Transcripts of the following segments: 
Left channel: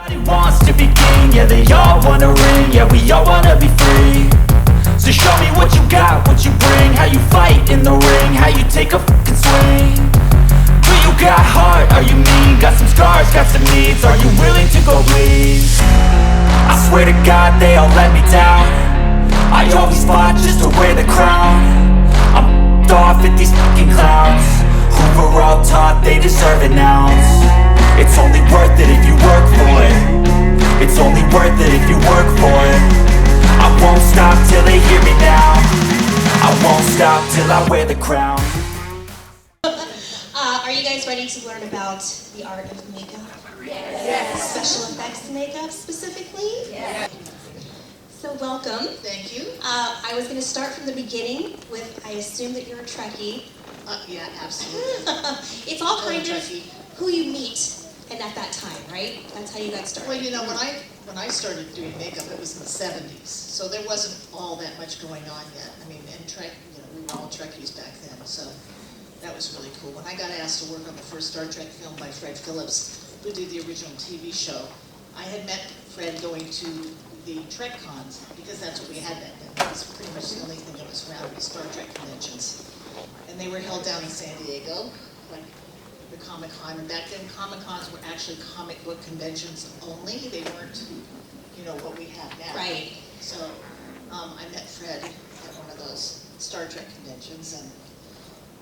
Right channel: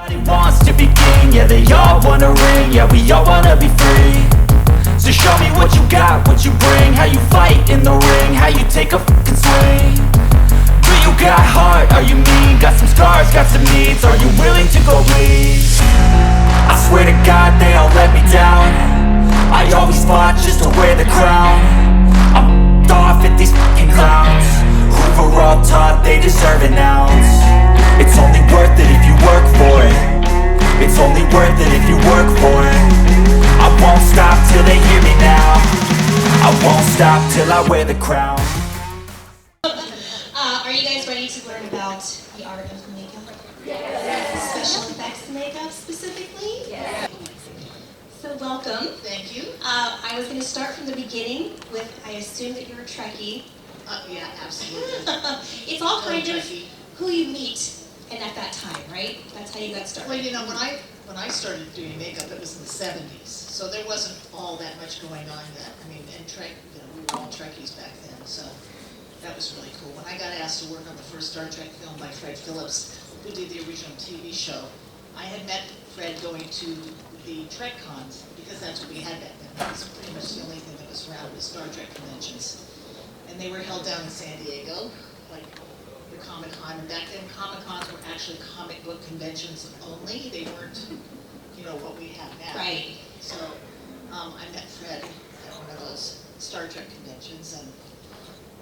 Everybody wants to be king, yeah, they all wanna ring, yeah, we all wanna be free. So show me what you got, what you bring, how you fight in the ring, how you take a fucking swing. Do you got heart, are you mean, got some scars, got some needs, are you willing to go bleed? I swear to God they all let me down, I always fought just to wear the crown. I'm f***ed off at these fucking clowns, who were all taught they deserve an ounce. It's only worth it if you work for it, it's only worth it if you work for it. I won't stop till they hear me now, I won't stop till I wear the crown. Are you guys ready to learn about the art of makeup? Yes. Special effects makeup specifically? Yes. So welcome. Thank you. I was going to start from the beginning with, I assume that you're a Trekkie. Yeah, absolutely. It's all kind of who you meet and at that time, right? That's how you got started. Well, you know, when I started doing makeup, it was in the 70s, so there wasn't all that much going on yet. I mean, and we were all Trekkies back then, so that was really cool. When I got asked to work on the first Star Trek film by Fred Phillips, who did the original TV show, I had met Fred going to the Trek cons, because that's what we had back then. It was pretty much the only thing that was around was Star Trek conventions. And they were held down in San Diego, like the Comic-Con, and back then Comic-Cons were actually comic book conventions only. They weren't, you know, what we have now. Right. So I met Fred at one of those Star Trek conventions, and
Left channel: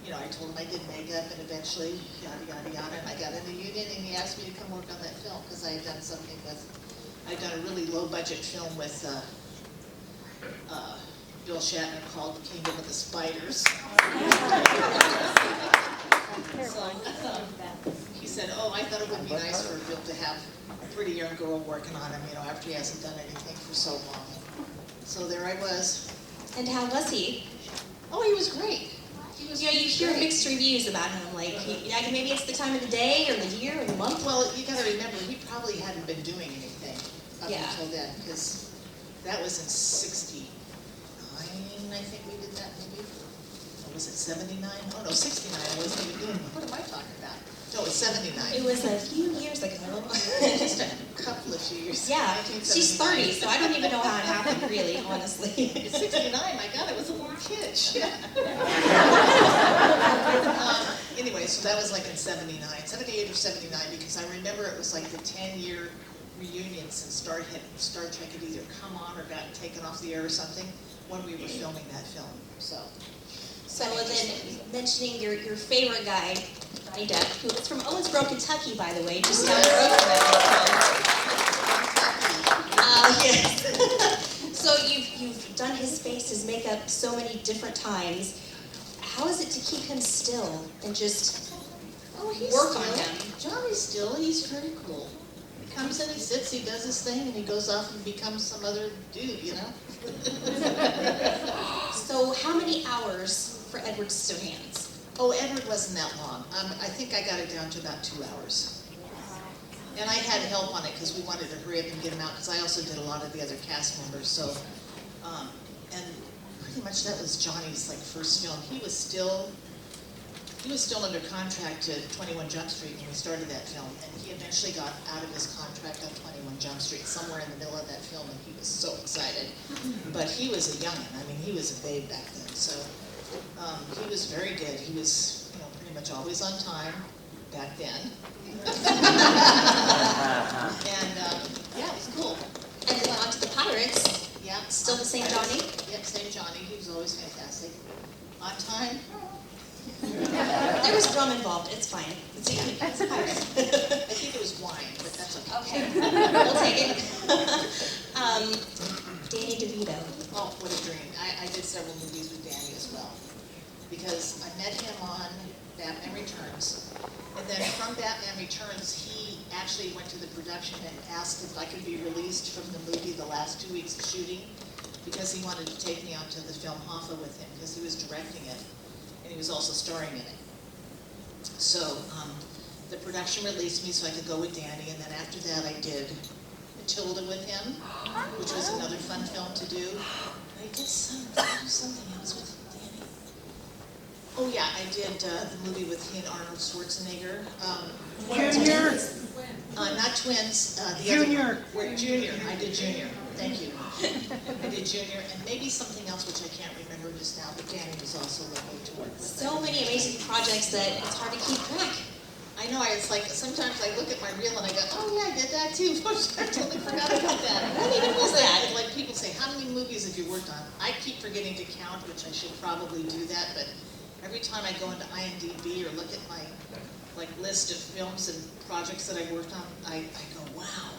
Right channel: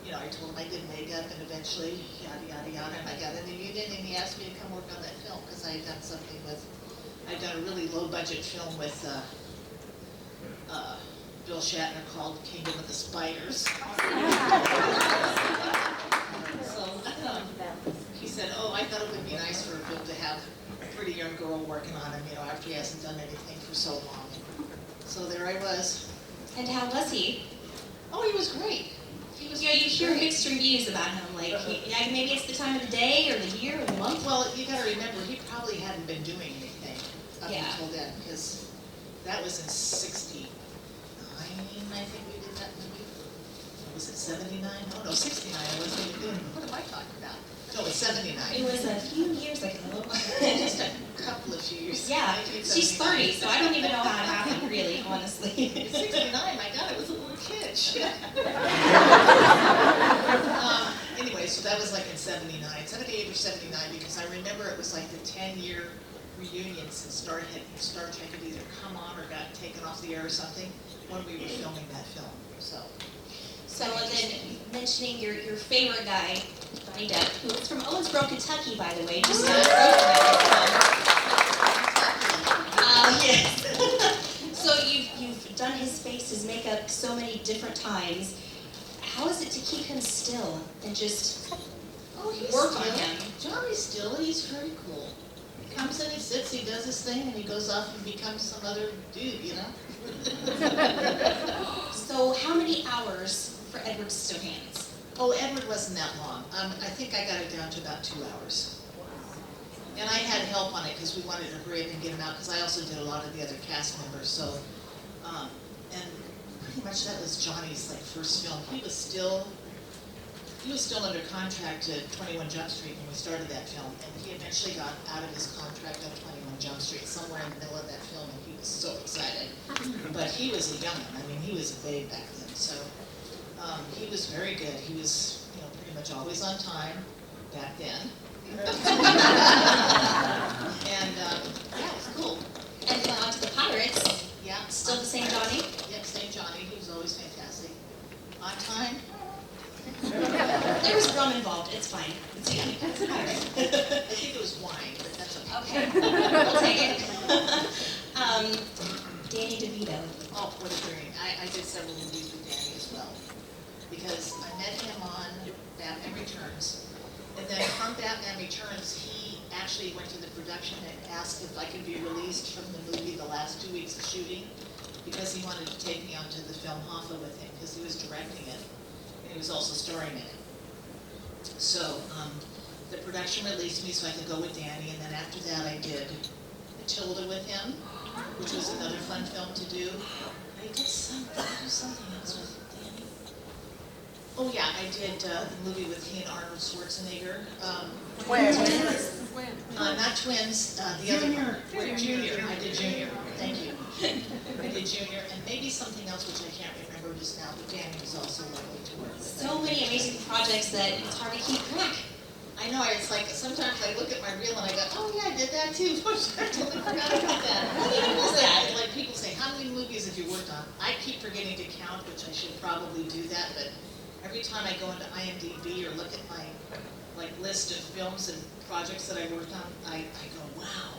you know, I told him I did makeup, and eventually, yada, yada, yada, and I got in the union, and he asked me to come work on that film, because I had done something with, I'd done a really low-budget film with Bill Shatner called Kingdom of the Spiders. So he said, oh, I thought it would be nice for Bill to have a pretty young girl working on him, you know, after he hasn't done anything for so long. So there I was. And how was he? Oh, he was great. He was, you know, you hear great. mixed reviews about him, like, maybe it's the time of the day, or the year, or the month. Well, you gotta remember, he probably hadn't been doing anything up until then, because that was in '69, I think we did that movie. Or was it 79? Oh no, 69, I wasn't even doing, what am I talking about? No, it was 79. It was a few years ago. Just a couple of years. Yeah, she's 30, so I don't even know how it happened, really, honestly. It's 69, my God, I was a little kid, shit. Anyway, so that was like in 79, 78 or 79, because I remember it was like the 10-year reunion since Star Trek had either come on or got taken off the air or something when we were filming that film. So and then mentioning your favorite guy, Johnny Depp, who is from Owensboro, Kentucky, by the way, just down the road from that. Yes. So you've done his face, his makeup so many different times. How is it to keep him still and just work on him? Johnny's still, he's very cool. He comes in, he sits, he does his thing, and he goes off and becomes some other dude, you know? So how many hours for Edward Scissorhands? Oh, Edward wasn't that long. I think I got it down to about 2 hours. And I had help on it because we wanted to hurry up and get him out, because I also did a lot of the other cast members. So, and pretty much that was Johnny's like first film. He was still under contract to 21 Jump Street when we started that film, and he eventually got out of his contract on 21 Jump Street somewhere in the middle of that film, and he was so excited. But he was a youngin'. I mean, he was a babe back then. So he was very good. He was, you know, pretty much always on time back then. And yeah, it was cool. And then on to the Pirates. Yeah. Still the same Johnny? Yep, same Johnny. He was always fantastic. On time. There was drum involved. It's fine. It's a pirate. I think it was wine, but that's okay. Okay. We'll take it. Danny DeVito. Oh, what a dream. I did several movies with Danny as well. Because I met him on Batman Returns. And then from Batman Returns, he actually went to the production and asked if I could be released from the movie the last 2 weeks of shooting, because he wanted to take me onto the film Hoffa with him, because he was directing it, and he was also starring in it. So the production released me so I could go with Danny, and then after that I did Matilda with him, which was another fun film to do. I did do something else with Danny. Oh yeah, I did the movie with he and Arnold Schwarzenegger. Not twins, the Junior. other Junior. I did Junior. Thank you. I did Junior, and maybe something else which I can't remember just now, but Danny was also lovely to work with. So many amazing projects that it's hard to keep track. I know, it's like, sometimes I look at my reel and I go, oh yeah, I did that too. I totally forgot about that. What even was that? Like people say, how many movies have you worked on? I keep forgetting to count, which I should probably do that, but every time I go into IMDb or look at my list of films and projects that I worked on, I go, wow,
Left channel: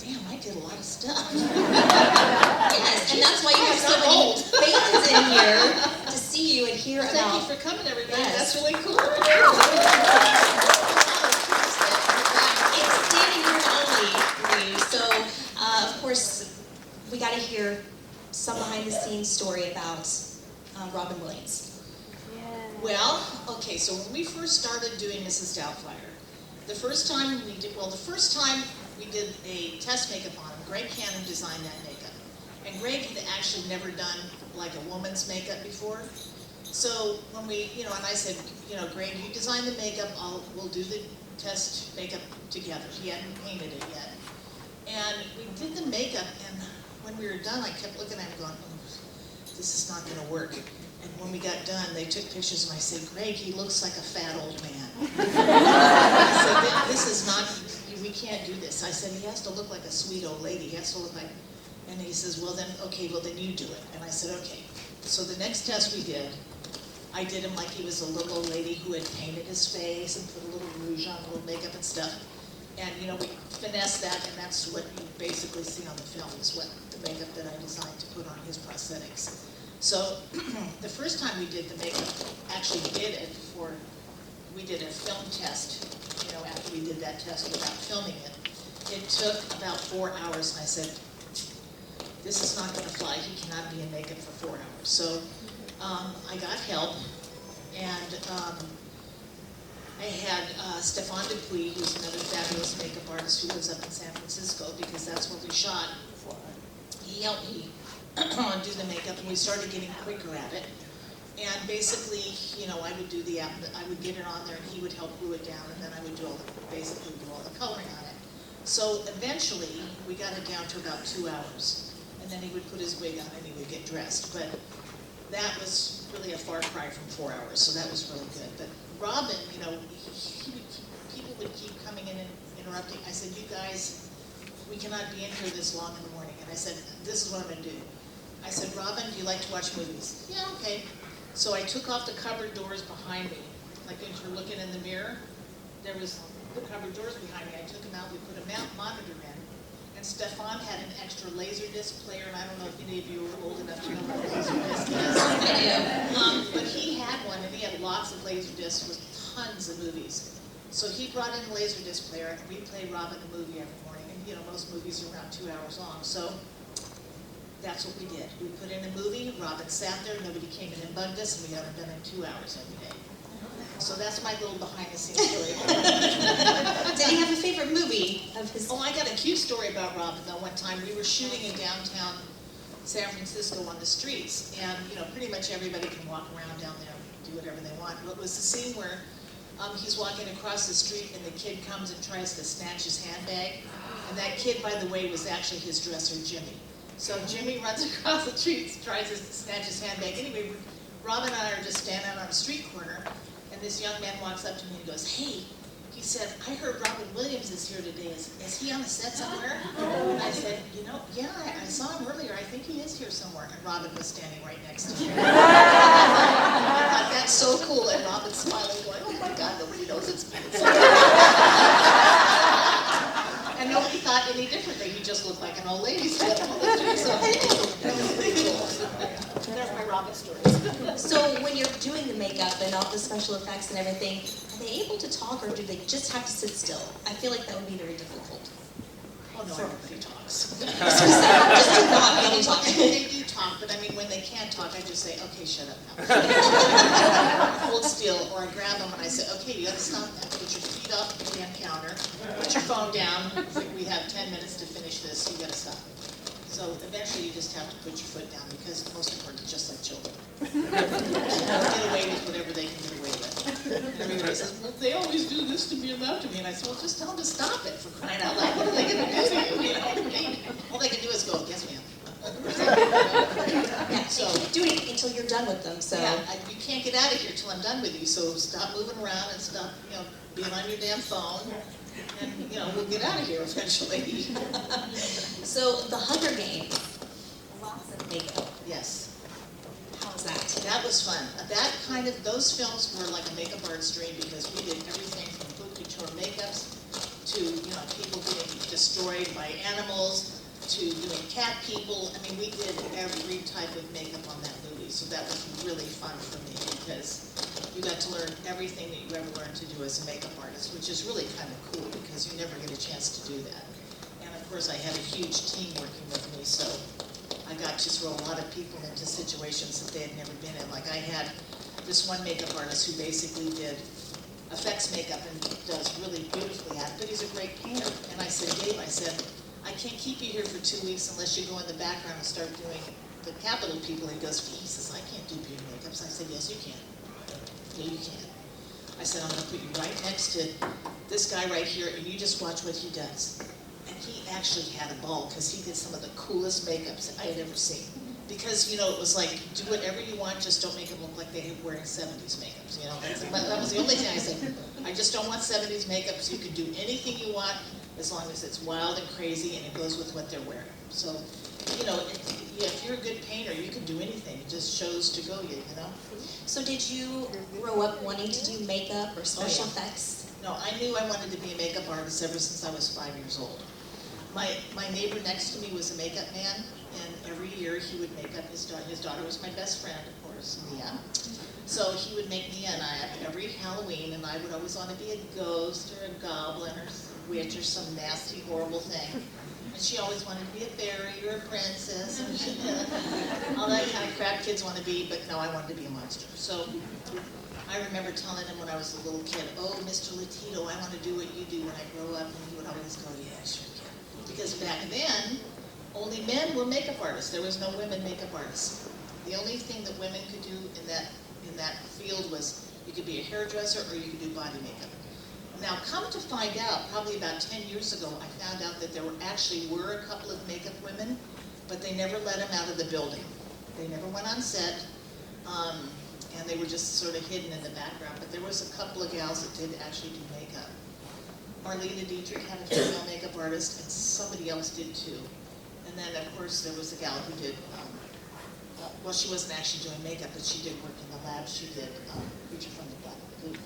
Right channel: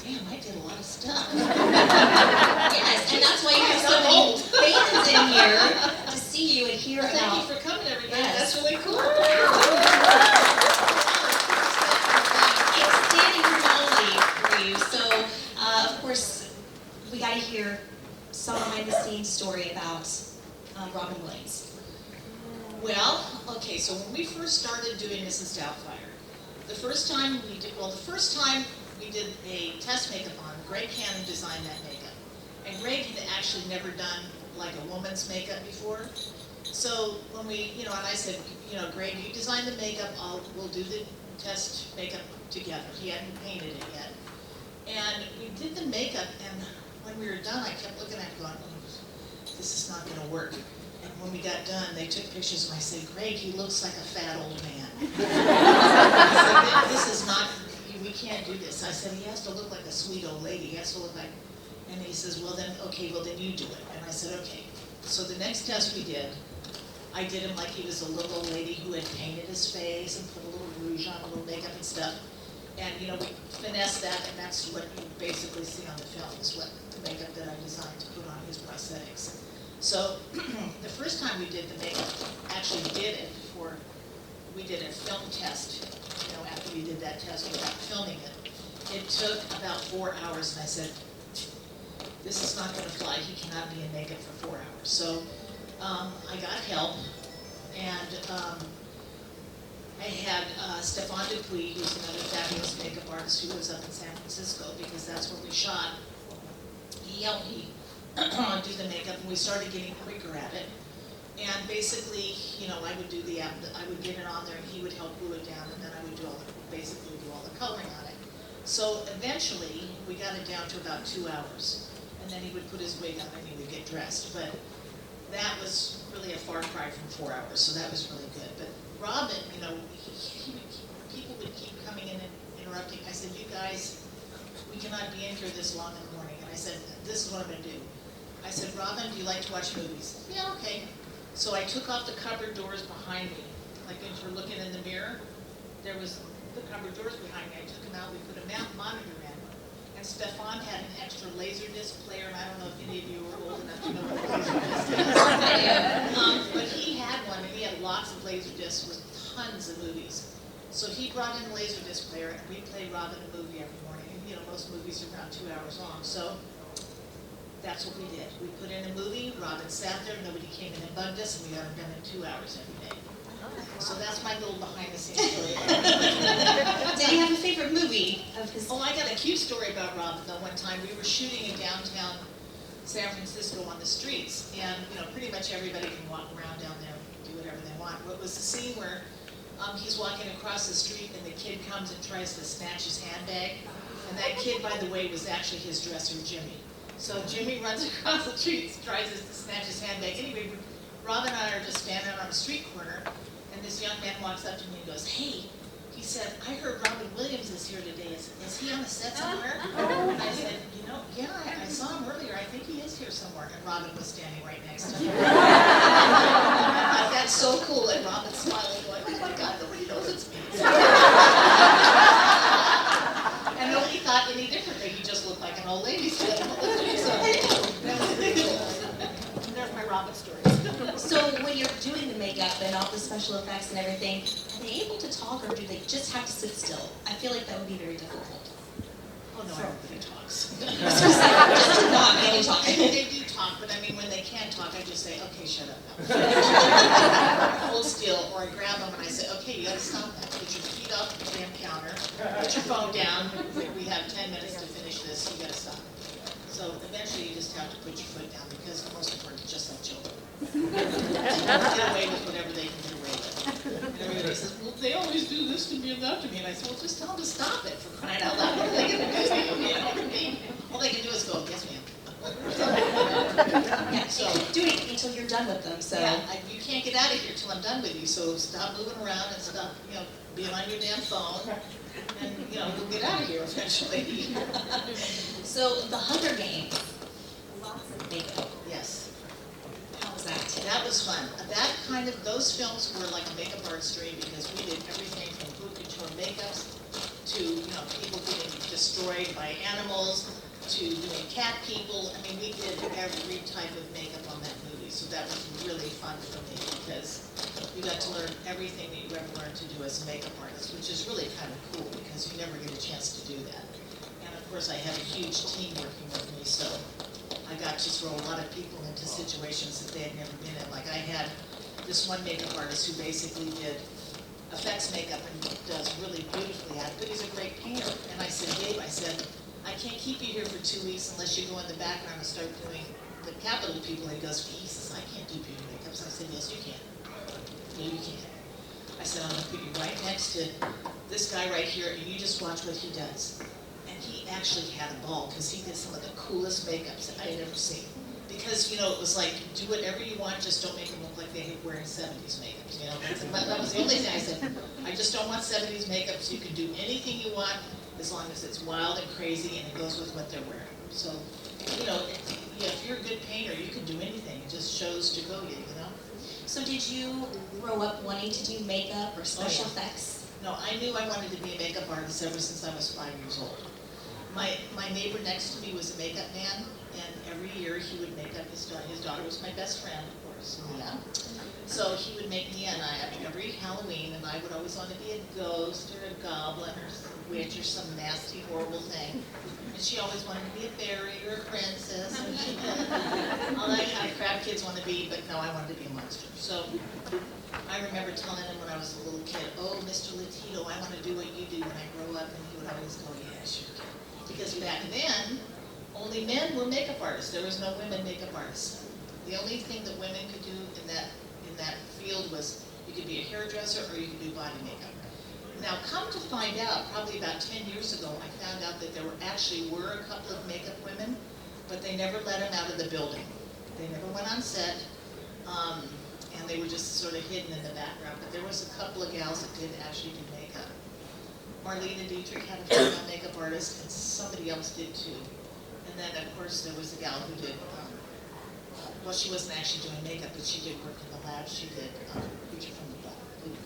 damn, I did a lot of stuff. Yes, and that's why you have so many fans in here to see you and hear about. Thank you for coming, everybody. Yes. That's really cool. It's standing room only for you. So, of course, we got to hear some behind-the-scenes story about Robin Williams. Well, okay, so when we first started doing Mrs. Doubtfire, the first time we did a test makeup on him, Greg Cannon designed that makeup. And Greg had actually never done like a woman's makeup before. So when we, and I said, Greg, you design the makeup, we'll do the test makeup together. He hadn't painted it yet. And we did the makeup, and when we were done, I kept looking at him going, oh, this is not gonna work. And when we got done, they took pictures, and I said, Greg, he looks like a fat old man. I said, this is not, we can't do this. I said, he has to look like a sweet old lady. He has to look like, and he says, well then you do it. And I said, okay. So the next test we did, I did him like he was a little old lady who had painted his face and put a little rouge on, a little makeup and stuff. And we finessed that, and that's what you basically see on the film, is what the makeup that I designed to put on his prosthetics. So the first time we did the makeup, actually we did a film test, after we did that test without filming it. It took about 4 hours, and I said, this is not gonna fly, he cannot be in makeup for 4 hours. So I got help, and I had Stefan Dupuis, who's another fabulous makeup artist who lives up in San Francisco, because that's where we shot. He helped me do the makeup, and we started getting quicker at it. And basically, I would do I would get it on there, and he would help glue it down, and then I would basically do all the coloring on it. So eventually, we got it down to about 2 hours, and then he would put his wig on and he would get dressed. But that was really a far cry from 4 hours, so that was really good. But Robin, people would keep coming in and interrupting. I said, you guys, we cannot be in here this long in the morning. And I said, this is what I'm going to do. I said, Robin, do you like to watch movies? Yeah, okay. So I took off the cupboard doors behind me. Like if you're looking in the mirror, there was the cupboard doors behind me. I took them out, we put a monitor in. And Stefan had an extra Laserdisc player, and I don't know if any of you are old enough to know what a Laserdisc is. But he had one, and he had lots of Laserdiscs with tons of movies. So he brought in a Laserdisc player, and we play Robin a movie every morning. And most movies are around 2 hours long. So that's what we did. We put in a movie, Robin sat there, nobody came in and bugged us, and we got it done in 2 hours every day. So that's my little behind-the-scenes story about Robin. Did he have a favorite movie of his? Oh, I got a cute story about Robin, though. One time we were shooting in downtown San Francisco on the streets, and pretty much everybody can walk around down there and do whatever they want. What was the scene where he's walking across the street, and the kid comes and tries to snatch his handbag, and that kid, by the way, was actually his dresser, Jimmy. So Jimmy runs across the street, tries to snatch his handbag. Anyway, Robin and I are just standing on a street corner, and this young man walks up to me and goes, hey, he said, I heard Robin Williams is here today. Is he on the set somewhere? And I said, yeah, I saw him earlier. I think he is here somewhere. And Robin was standing right next to him. I thought, that's so cool. And Robin smiling, going, oh my God, nobody knows it's me. And nobody thought any differently. He just looked like an old lady. So that was pretty cool. There's my Robin stories. So when you're doing the makeup and all the special effects and everything, are they able to talk, or do they just have to sit still? I feel like that would be very difficult. Oh no, everybody talks. Just to not be able to talk. They do talk, but I mean, when they can't talk, I just say, okay, shut up now. Hold still, or I grab them and I say, okay, you gotta stop that. Get your feet off the damn counter. Put your phone down. We have 10 minutes to finish this. You gotta stop. So eventually you just have to put your foot down because most of them are just like children. Get away with whatever they can get away with. And everybody says, well, they always do this to me and that to me. And I said, well, just tell them to stop it for crying out loud. What are they going to do to you? You know what I mean? All they can do is go, yes, ma'am. Yeah, So- they can't do anything until you're done with them, so. Yeah, you can't get out of here till I'm done with you, so stop moving around and stop, being on your damn phone. And, we'll get out of here eventually. So the Hunger Games, lots of makeup. Yes. How was that? That was fun. Those films were like a makeup artistry because we did everything from haute couture makeups to, people getting destroyed by animals to doing cat people. I mean, we did every type of makeup on that movie, so that was really fun for me because you got to learn everything that you ever learned to do as a makeup artist, which is really kind of cool because you never get a chance to do that. And of course, I had a huge team working with me, so I got to throw a lot of people into situations that they had never been in. Like I had this one makeup artist who basically did effects makeup and does really beautifully at it, but he's a great painter. And I said, Dave, I can't keep you here for 2 weeks unless you go in the background and start doing the capital people. And he goes, he says, I can't do beauty makeups. I said, yes, you can. No, you can't. I said, I'm going to put you right next to this guy right here, and you just watch what he does. And he actually had a ball because he did some of the coolest makeups I had ever seen. Because, it was like, do whatever you want, just don't make them look like they're wearing 70s makeups, That was the only thing I said. I just don't want 70s makeups. You can do anything you want as long as it's wild and crazy and it goes with what they're wearing. So, if you're a good painter, you can do anything. It just shows to go you. So did you grow up wanting to do makeup or special effects? No, I knew I wanted to be a makeup artist ever since I was 5 years old. My neighbor next to me was a makeup man, and every year he would make up his daughter. His daughter was my best friend, of course, Mia. So he would make Mia and I up every Halloween, and I would always want to be a ghost or a goblin or a witch or some nasty, horrible thing. And she always wanted to be a fairy or a princess, and all that kind of crap kids want to be, but no, I wanted to be a monster. So I remember telling him when I was a little kid, oh, Mr. Latito, I want to do what you do when I grow up, and he would always go, yeah, sure, kid. Because back then, only men were makeup artists. There was no women makeup artists. The only thing that women could do in that field was you could be a hairdresser or you could do body makeup. Now, come to find out, probably about 10 years ago, I found out that there were a couple of makeup women, but they never let them out of the building. They never went on set, and they were just sort of hidden in the background. But there was a couple of gals that did actually do makeup. Marlene Dietrich had a female makeup artist, and somebody else did too. And then, of course, there was a gal who did, well, she wasn't actually doing makeup, but she did work in the lab. She did Creature from the Black Lagoon.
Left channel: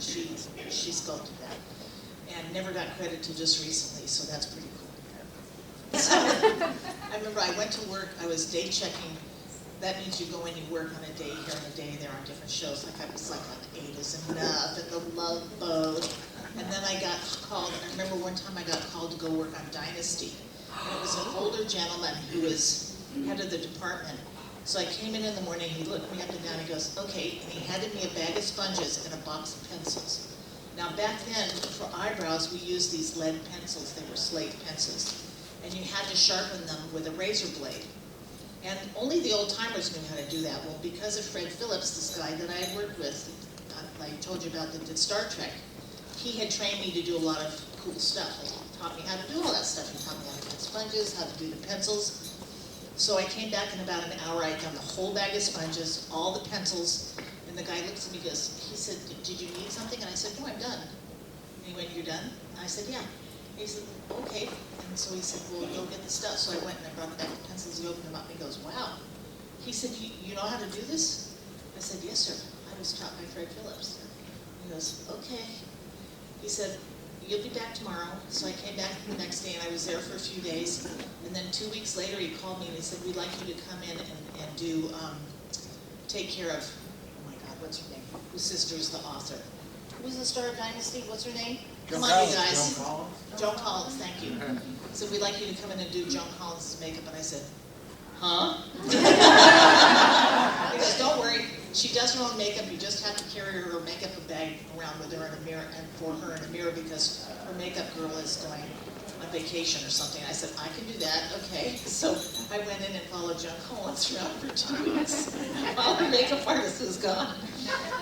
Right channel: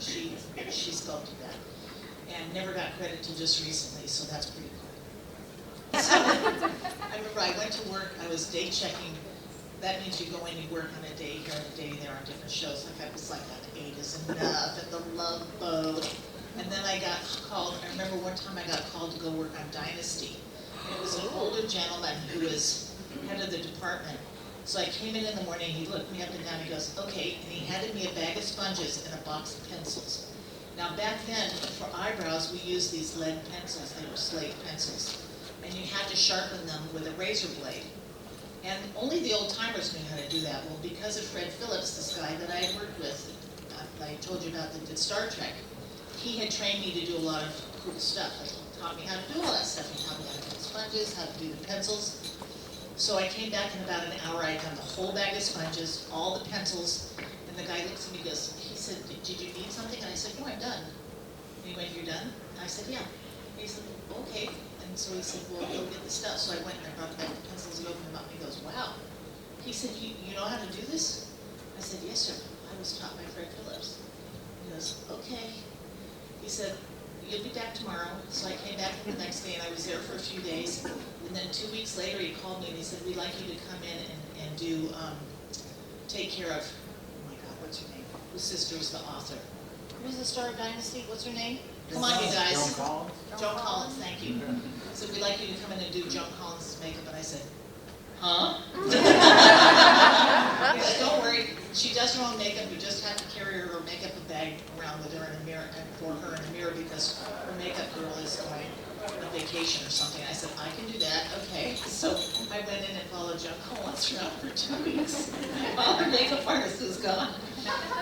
She sculpted that. And never got credit till just recently, so that's pretty cool. So, I remember I went to work, I was day checking. That means you go in, you work on a day here and a day there on different shows. Like I was like on Eight Is Enough and The Love Boat. And then I got called, I remember one time I got called to go work on Dynasty. And it was an older gentleman who was head of the department. So I came in the morning, he looked me up and down, he goes, okay, and he handed me a bag of sponges and a box of pencils. Now back then, for eyebrows, we used these lead pencils, they were slate pencils. And you had to sharpen them with a razor blade. And only the old timers knew how to do that. Well, because of Fred Phillips, this guy that I had worked with, I told you about that did Star Trek, he had trained me to do a lot of cool stuff. Like, he taught me how to do all that stuff. He taught me how to cut sponges, how to do the pencils. So I came back in about an hour, I'd done the whole bag of sponges, all the pencils, and the guy looks at me and goes, he said, did you need something? And I said, no, I'm done. And he went, you're done? And I said, yeah. And he said, okay. And so he said, well, go get the stuff. So I went and I brought the bag of pencils, he opened them up and he goes, wow. He said, you know how to do this? I said, yes, sir. I was taught by Fred Phillips. He goes, okay. He said, you'll be back tomorrow. So I came back the next day and I was there for a few days. And then 2 weeks later he called me and he said, we'd like you to come in and do, take care of, oh my God, what's her name? Whose sister is the author? Who's the star of Dynasty? What's her name? Come on, you guys. Joan Collins? Joan Collins, thank you. He said, we'd like you to come in and do Joan Collins' makeup. And I said, huh? He goes, don't worry. She does her own makeup. You just have to carry her makeup bag around with her in a mirror, and for her in a mirror, because her makeup girl is going on vacation or something. I said, I can do that, okay. So I went in and followed Joan Collins around for 2 weeks while her makeup artist was gone.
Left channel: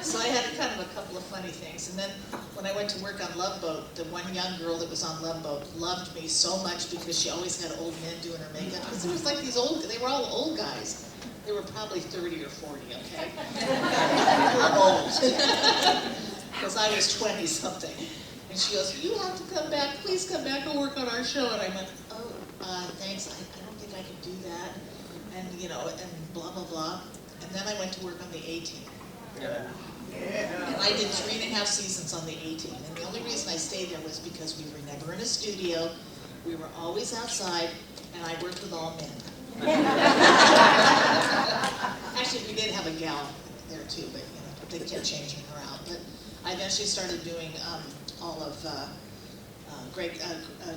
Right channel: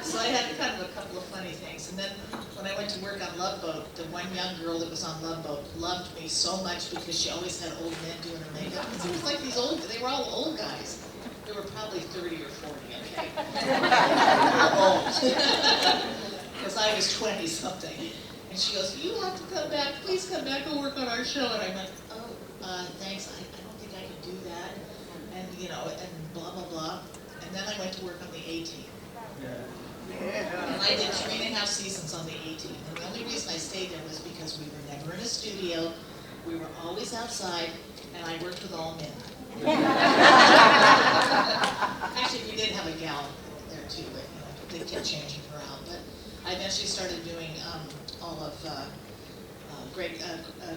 So I had kind of a couple of funny things. And then when I went to work on Love Boat, the one young girl that was on Love Boat loved me so much because she always had old men doing her makeup. Because it was like these they were all old guys. They were probably 30 or 40, okay? They were old. Because I was 20-something. And she goes, you have to come back, please come back and work on our show. And I went, oh, thanks, I don't think I can do that. And, you know, and blah, blah, blah. And then I went to work on the A-Team. And I did 3.5 seasons on the A-Team. And the only reason I stayed there was because we were never in a studio, we were always outside, and I worked with all men. Actually, we did have a gal there too, but you know, they kept changing her out. But I eventually started doing all of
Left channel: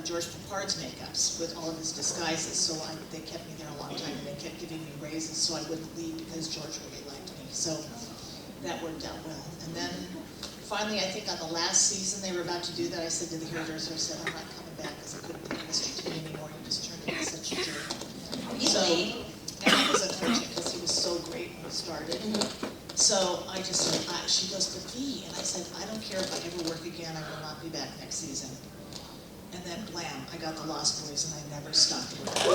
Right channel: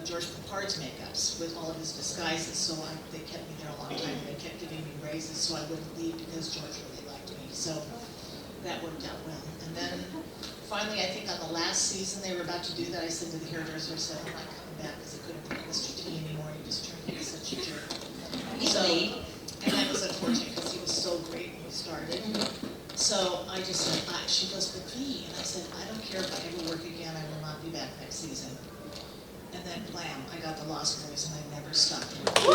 George Papard's makeups with all of his disguises. So they kept me there a long time, and they kept giving me raises so I wouldn't leave because George really liked me. So that worked out well. And then finally, I think on the last season they were about to do that, I said to the hairdresser, I said, I'm not coming back because I couldn't be Mr. T anymore. He just turned into such a jerk. So, and that was unfortunate because he was so great when we started. So I just said, she goes, but V, and I said, I don't care if I ever work again, I will not be back next season. And then blam, I got the Lost Boys and I never stopped working.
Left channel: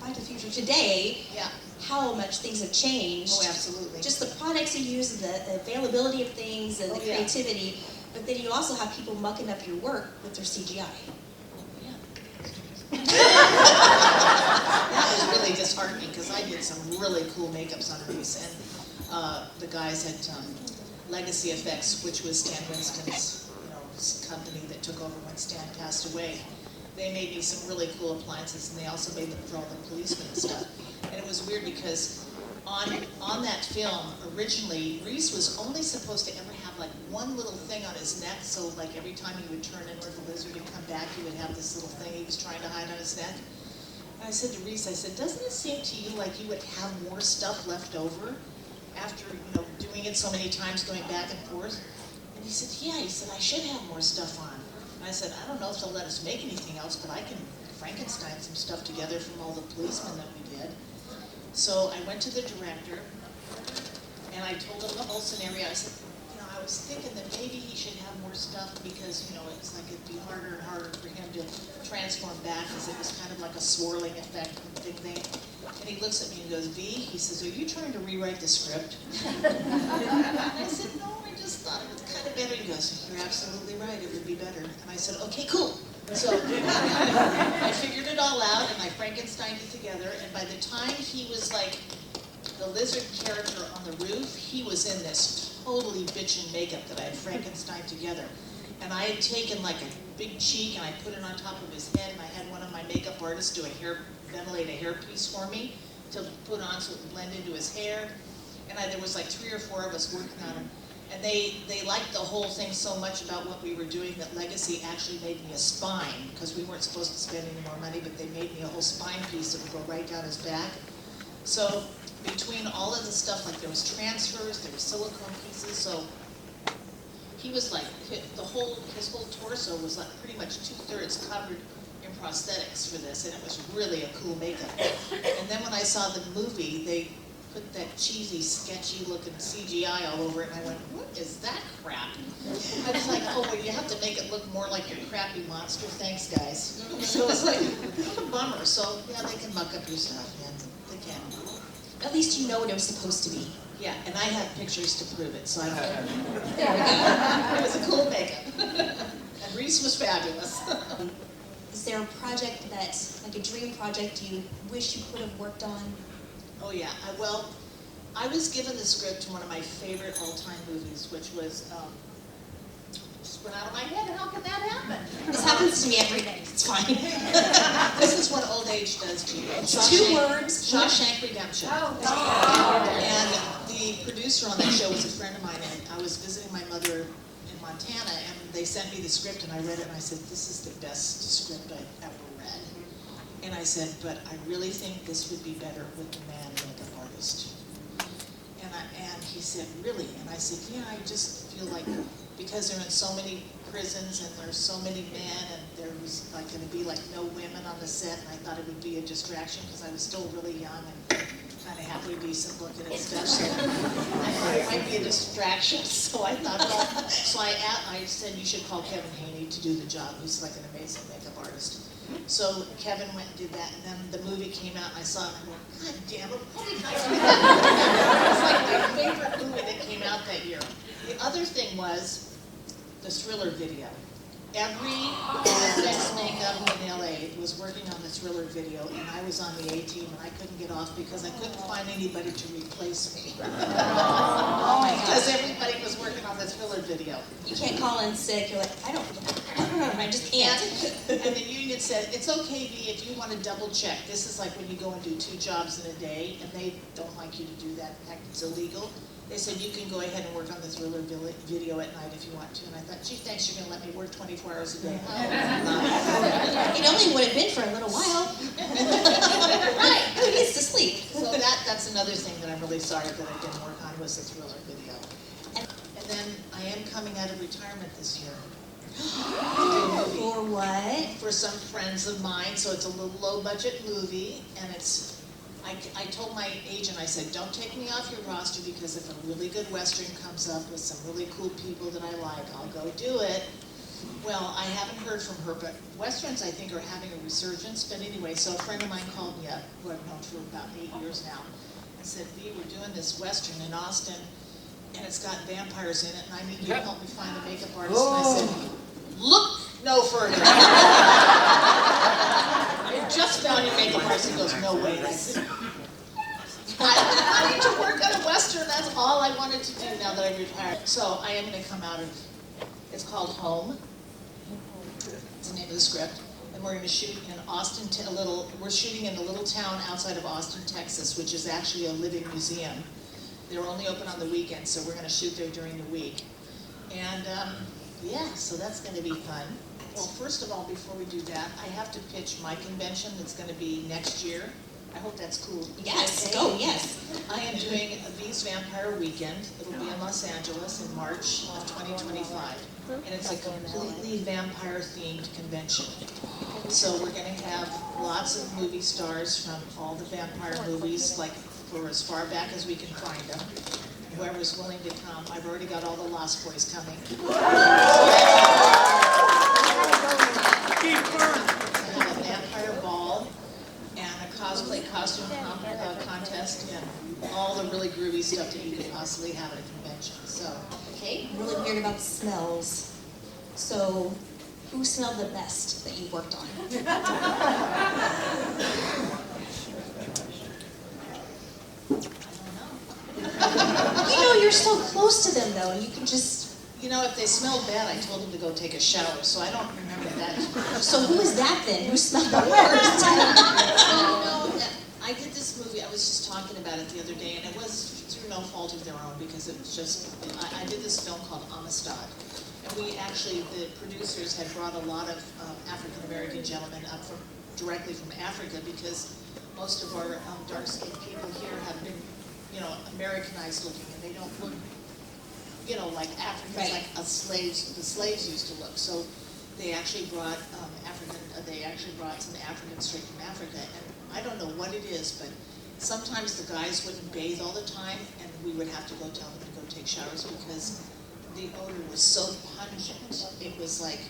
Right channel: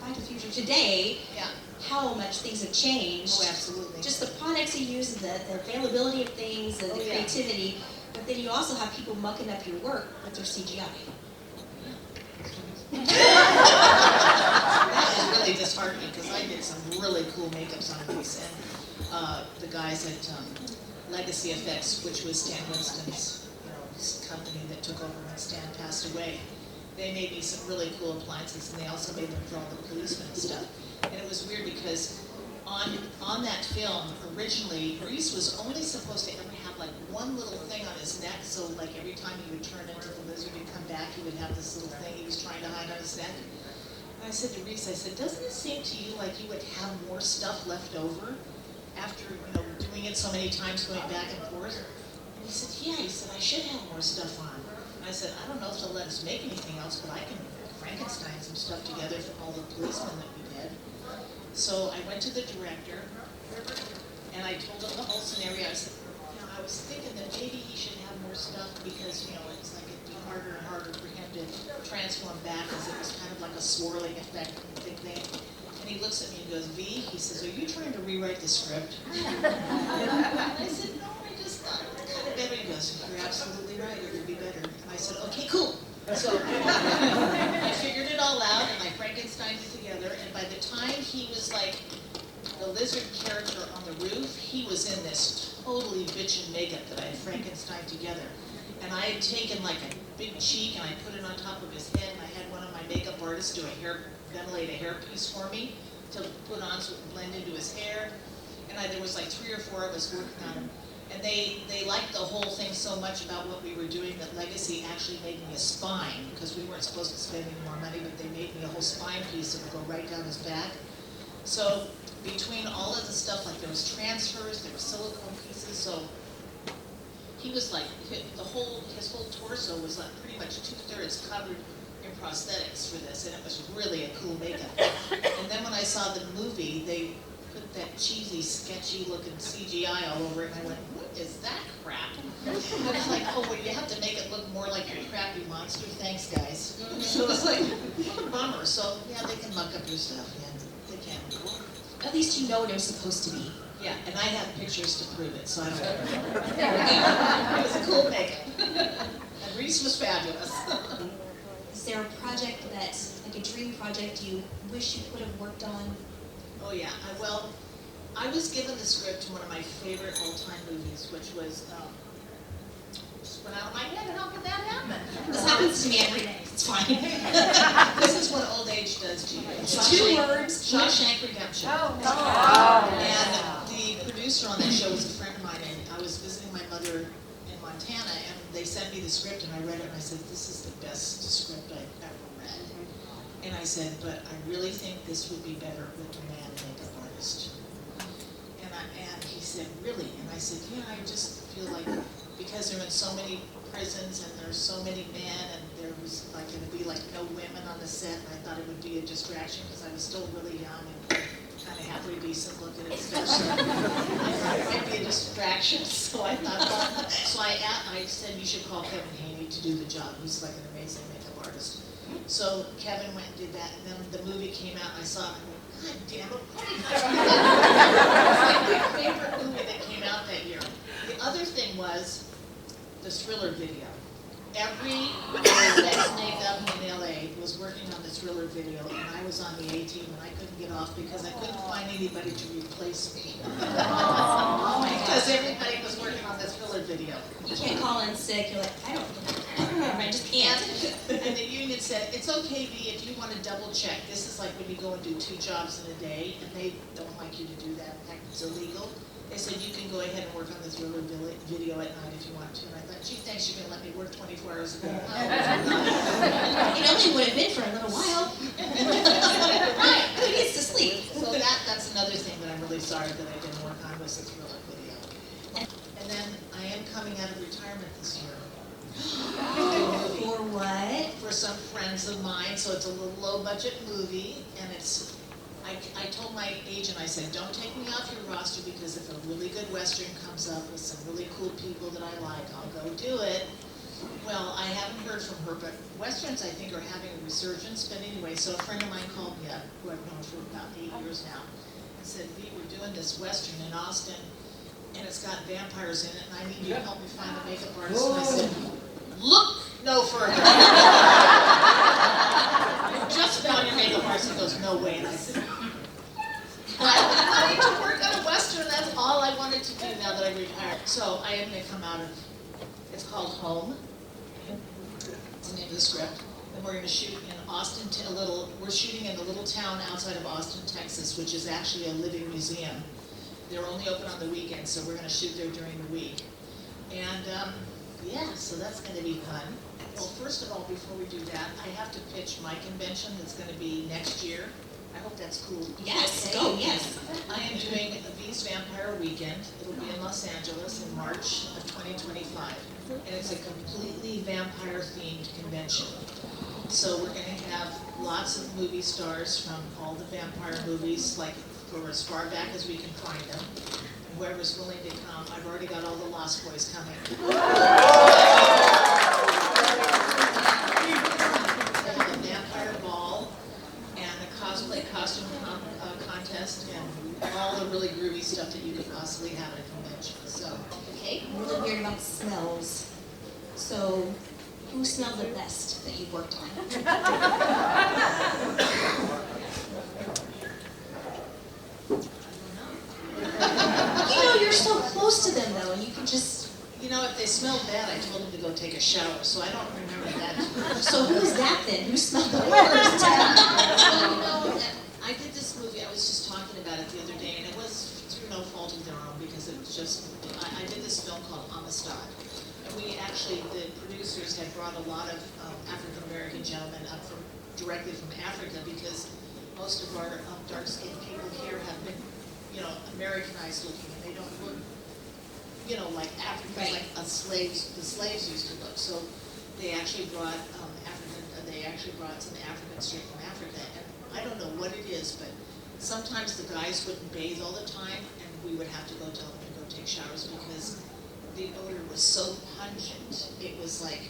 By the future today, Yeah. how much things have changed. Oh, absolutely. Just the products you use, and the availability of things, and the yeah. creativity. But then you also have people mucking up your work with their CGI. That was really disheartening because I did some really cool makeups on these, and the guys at Legacy Effects, which was Stan Winston's, you know, company that took over when Stan passed away, they made me some really cool appliances, and they also made them for all the policemen and stuff. And it was weird because on that film, originally, Reese was only supposed to ever have like one little thing on his neck, so like every time he would turn into the lizard and come back, he would have this little thing he was trying to hide on his neck. And I said to Reese, I said, doesn't it seem to you like you would have more stuff left over after, you know, doing it so many times, going back and forth? And he said, yeah, he said, I should have more stuff on. And I said, I don't know if they'll let us make anything else, but I can Frankenstein some stuff together from all the policemen that we did. So I went to the director, and I told him the whole scenario. I said, you know, I was thinking that maybe he should have more stuff because, you know, it's like it'd be harder and harder for him to transform back because it was kind of like a swirling effect and thing. And he looks at me and goes, V, he says, are you trying to rewrite the script? And I said, no, I just thought it was kind of better. He goes, you're absolutely right, it would be better. And I said, okay, cool. So I figured it all out, and I Frankensteined it together, and by the time he was like the lizard character on the roof, he was in this totally bitchin' makeup that I had Frankensteined together. And I had taken like a big cheek and I put it on top of his head, and I had one of my makeup artists do ventilate a hairpiece for me to put on so it would blend into his hair. And there was like 3 or 4 of us working on him. And they liked the whole thing so much about what we were doing that Legacy actually made me a spine, because we weren't supposed to spend any more money, but they made me a whole spine piece that would go right down his back. So between all of the stuff, like there was transfers, there were silicone pieces, so he was like, his whole torso was like pretty much 2/3 covered in prosthetics for this, and it was really a cool makeup. And then when I saw the movie, they put that cheesy, sketchy looking CGI all over it, and I went, what is that crap? I was like, oh, well, you have to make it look more like your crappy monster, thanks guys. So it's like, what a bummer. So yeah, they can muck up your stuff, yeah, they can. At least you know what it was supposed to be. Yeah, and I have pictures to prove it, so I don't. It was a cool makeup. And Reese was fabulous. Is there a project that's like a dream project you wish you could have worked on? Oh yeah, well, I was given the script to one of my favorite all-time movies, which was, just went out of my head. How can that happen? This happens to me every day. It's fine. This is what old age does to you. 2 words. Shawshank Redemption. Oh. And the producer on that show was a friend of mine, and I was visiting my mother in Montana, and they sent me the script, and I read it, and I said, this is the best script I've ever read. And I said, but I really think this would be better with the man makeup artist. And he said, really? And I said, yeah, I just feel like, because they're in so many prisons, and there's so many men, and there was like going to be like no women on the set, and I thought it would be a distraction because I was still really young and kind of happily decent looking and stuff, so I thought it might be a distraction. So I thought, well, so I said you should call Kevin Haney to do the job. He's like an amazing makeup artist. So Kevin went and did that, and then the movie came out, and I saw it, and I went, God damn it, what did I do? It's like my favorite movie that came out that year. The other thing was the Thriller video. Every best makeup in LA was working on the Thriller video, and I was on the A-team, and I couldn't get off because I couldn't find anybody to replace me. Oh my God. Because everybody was working on the Thriller video. You can't call in sick. You're like, I just can't. And the union said, it's okay, V, if you want to double check. This is like when you go and do 2 jobs in a day, and they don't like you to do that. In fact, it's illegal. They said, you can go ahead and work on the Thriller video at night if you want to. And I thought, gee, thanks, you're going to let me work 24 hours a day. It only would have been for a little while. Right, who needs to sleep? So that's another thing that I'm really sorry that I didn't work on was the Thriller video. And then I am coming out of retirement this year. For what? For some friends of mine, so it's a little low-budget movie, and it's, I told my agent, I said, don't take me off your roster, because if a really good Western comes up with some really cool people that I like, I'll go do it. Well, I haven't heard from her, but Westerns, I think, are having a resurgence. But anyway, so a friend of mine called me up, who I've known for about 8 years now, and said, V, we're doing this Western in Austin, and it's got vampires in it, and I need you to help me find a makeup artist. And I said, look no further. You just found your makeup artist. He goes, no way. And I said, I need to work on a Western. That's all I wanted to do now that I'm retired. So I am going to come out of, it's called Home. That's the name of the script. And we're going to shoot in Austin, we're shooting in the little town outside of Austin, Texas, which is actually a living museum. They're only open on the weekends, so we're going to shoot there during the week. And yeah, so that's going to be fun. Well, first of all, before we do that, I have to pitch my convention that's going to be next year. I hope that's cool. Yes, Okay? go, yes. I am doing V's Vampire Weekend. It'll be in Los Angeles in March of 2025. And it's a completely vampire-themed convention. So we're going to have lots of movie stars from all the vampire movies, like for as far back as we can find them. Whoever's willing to come. I've already got all the Lost Boys coming. We'll have a vampire ball and a cosplay costume contest and all the really groovy stuff that you could possibly have at a convention. So, Okay, I'm really weird about smells. So, who smelled the best that you worked on? You know, you're so close to them though, and you can just... you know, if they smelled bad, I told them to go take a shower, so I don't remember that. So who is that then? Who smelled the worst? Well, you know, I did this movie, I was just talking about it the other day, and it was through no fault of their own, because it was just, I did this film called Amistad. And we actually, the producers had brought a lot of African-American gentlemen up directly from Africa, because most of our dark-skinned people here have been, you know, Americanized looking, and they don't look, you know, like Africans, Right. like the slaves used to look. So they actually brought some Africans straight from Africa, and I don't know what it is, but sometimes the guys wouldn't bathe all the time, and we would have to go tell them to go take showers because the odor was so pungent. It was like,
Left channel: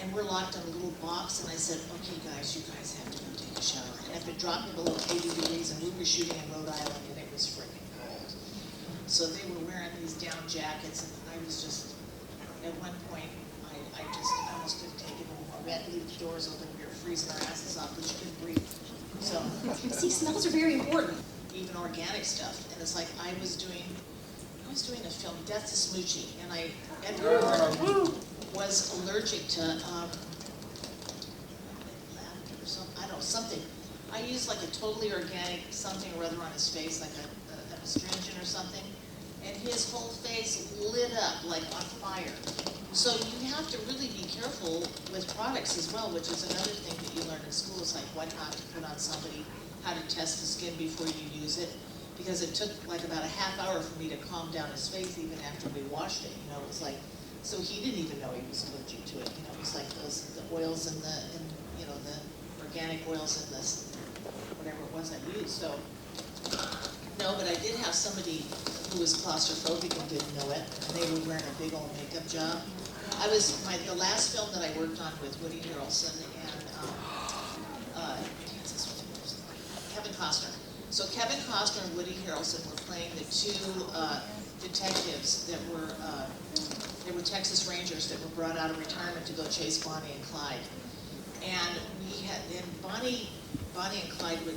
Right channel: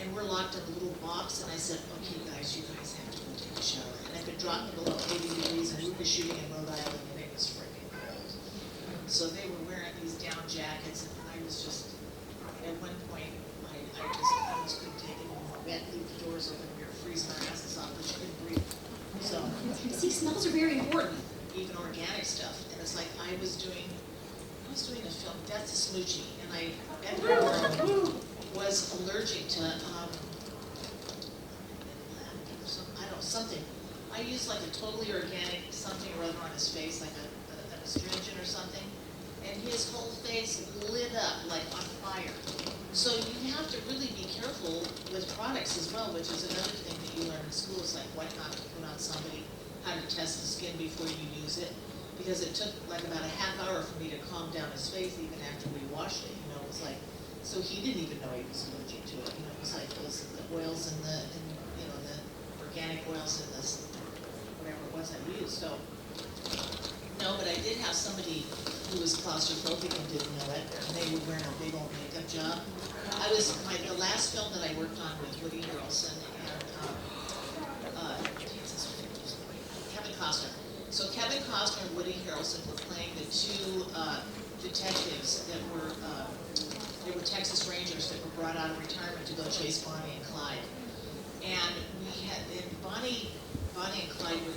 and we're locked in a little box, and I said, okay guys, you guys have to go take a shower. And if it dropped below 80 degrees, and we were shooting in Rhode Island, and it was freaking cold. So they were wearing these down jackets, and I was just, at one point, I almost couldn't take it anymore. We had to leave the doors open, we were freezing our asses off, but you couldn't breathe. So, See, smells are very important. even organic stuff, and it's like I was doing a film, Death to Smoochie, and Edward Norton was allergic to something. I used like a totally organic something or other on his face, like an astringent or something, and his whole face lit up like on fire. So you have to really be careful with products as well, which is another thing that you learn in school, is like what not to put on somebody, how to test the skin before you use it. Because it took like about a half hour for me to calm down his face even after we washed it. You know, it was like So he didn't even know he was allergic to it. You know, it was like the oils and the organic oils in this, whatever it was I used. So, no, but I did have somebody who was claustrophobic and didn't know it, and they were wearing a big old makeup job. The last film that I worked on with Woody Harrelson and Kevin Costner. So Kevin Costner and Woody Harrelson were playing the two detectives that were, they were Texas Rangers that were brought out of retirement to go chase Bonnie and Clyde. And Bonnie and Clyde were,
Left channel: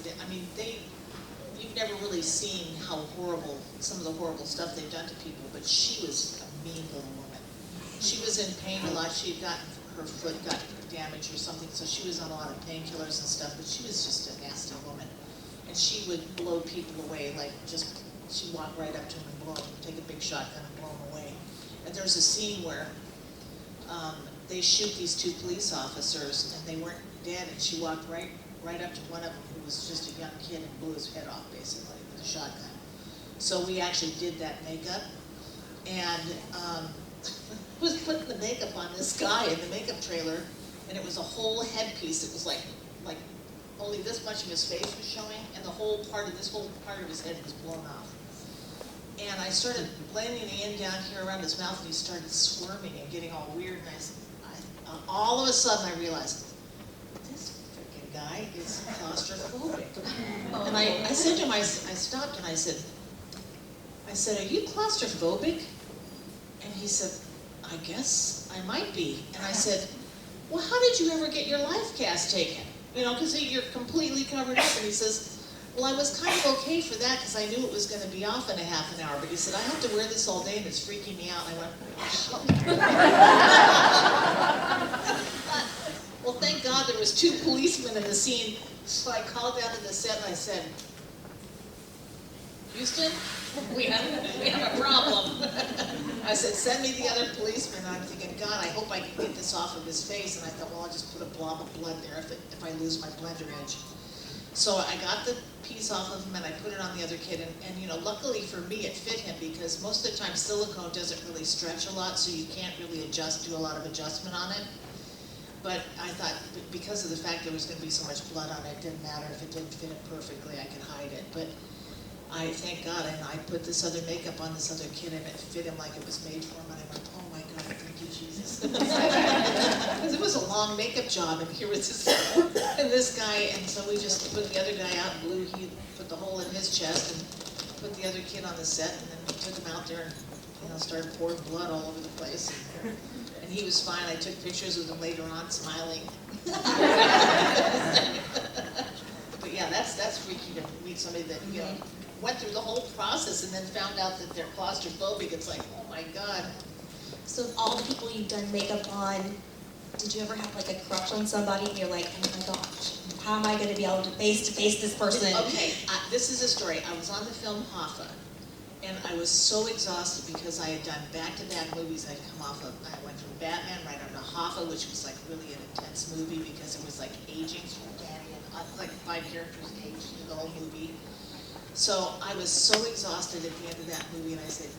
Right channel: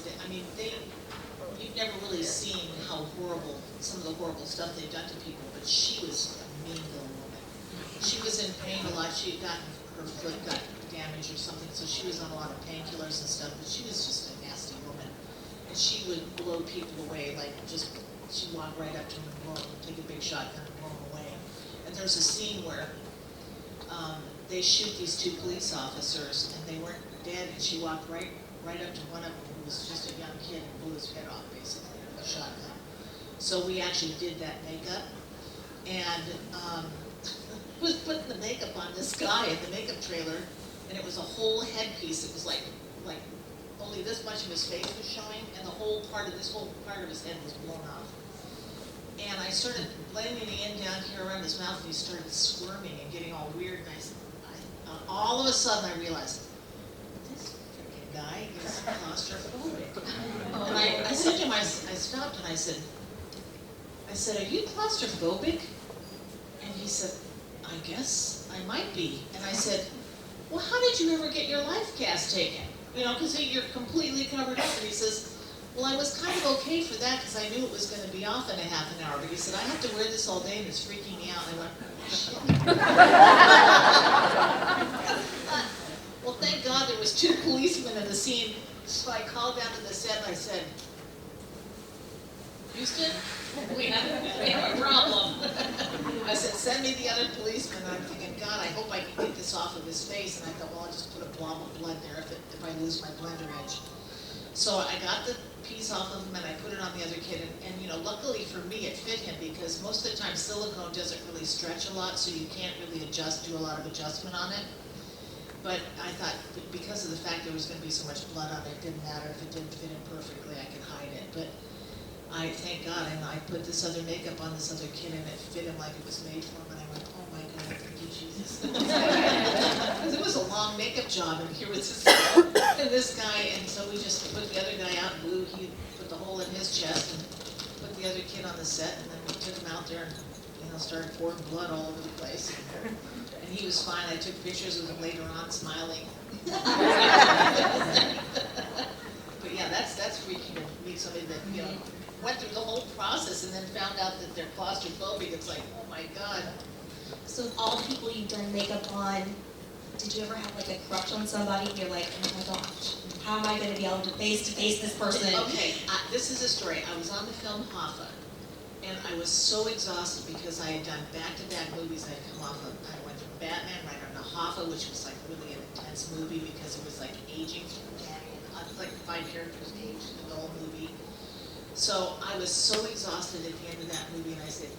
you've never really seen how horrible, some of the horrible stuff they've done to people, but she was a mean little woman. She was in pain a lot. Her foot got damaged or something, so she was on a lot of painkillers and stuff, but she was just a nasty woman. And she would blow people away, she'd walk right up to them and take a big shotgun and blow them away. And there's a scene where they shoot these two police officers, and they weren't dead, and she walked right up to one of them who was just a young kid and blew his head off, basically, with a shotgun. So we actually did that makeup, and was putting the makeup on this guy in the makeup trailer, and it was a whole headpiece. It was like only this much of his face was showing, and this whole part of his head was blown off. And I started blending it in down here around his mouth, and he started squirming and getting all weird, and all of a sudden I realized, this freaking guy is claustrophobic. And I said to him, I stopped and I said, are you claustrophobic? And he said, I guess I might be. And I said, well, how did you ever get your life cast taken? You know, because you're completely covered up. And he says, well, I was kind of okay for that because I knew it was going to be off in a half an hour. But he said, I have to wear this all day and it's freaking me out. And I went, well, thank God there was two policemen in the scene. So I called down to the set and I said, Houston, we have a problem. I said, send me the other policeman. And I'm thinking, God, I hope I can get this off of his face. And I thought, well, I'll just put a blob of blood there if I lose my blender edge. So I got the piece off of him and I put it on the other kid. And you know, luckily for me, it fit him because most of the time silicone doesn't really stretch a lot, so you can't really do a lot of adjustment on it. But I thought, because of the fact there was going to be so much blood on it, it didn't matter if it didn't fit him perfectly, I could hide it. But I thank God, and I put this other makeup on this other kid, and it fit him like it was made for him. And I went, oh my God, thank you, Jesus. Because it was a long makeup job, and here was this guy, and so we just put the other guy out and blew. He put the hole in his chest and put the other kid on the set, and then we took him out there and started pouring blood all over the place. And he was fine. I took pictures with him later on, smiling. But yeah, that's freaky to meet somebody that went through the whole process and then found out that they're claustrophobic. It's like, oh my God. So of all the people you've done makeup on, did you ever have like a crush on somebody and you're like, oh my gosh, how am I going to be able to face this person? Okay, this is a story. I was on the film Hoffa, and I was so exhausted because I had done back-to-back movies. I went from Batman right on to Hoffa, which was like really an intense movie because it was like aging through Danny, and like 5 characters aged through the whole movie. So I was so exhausted at the end of that movie, and I said,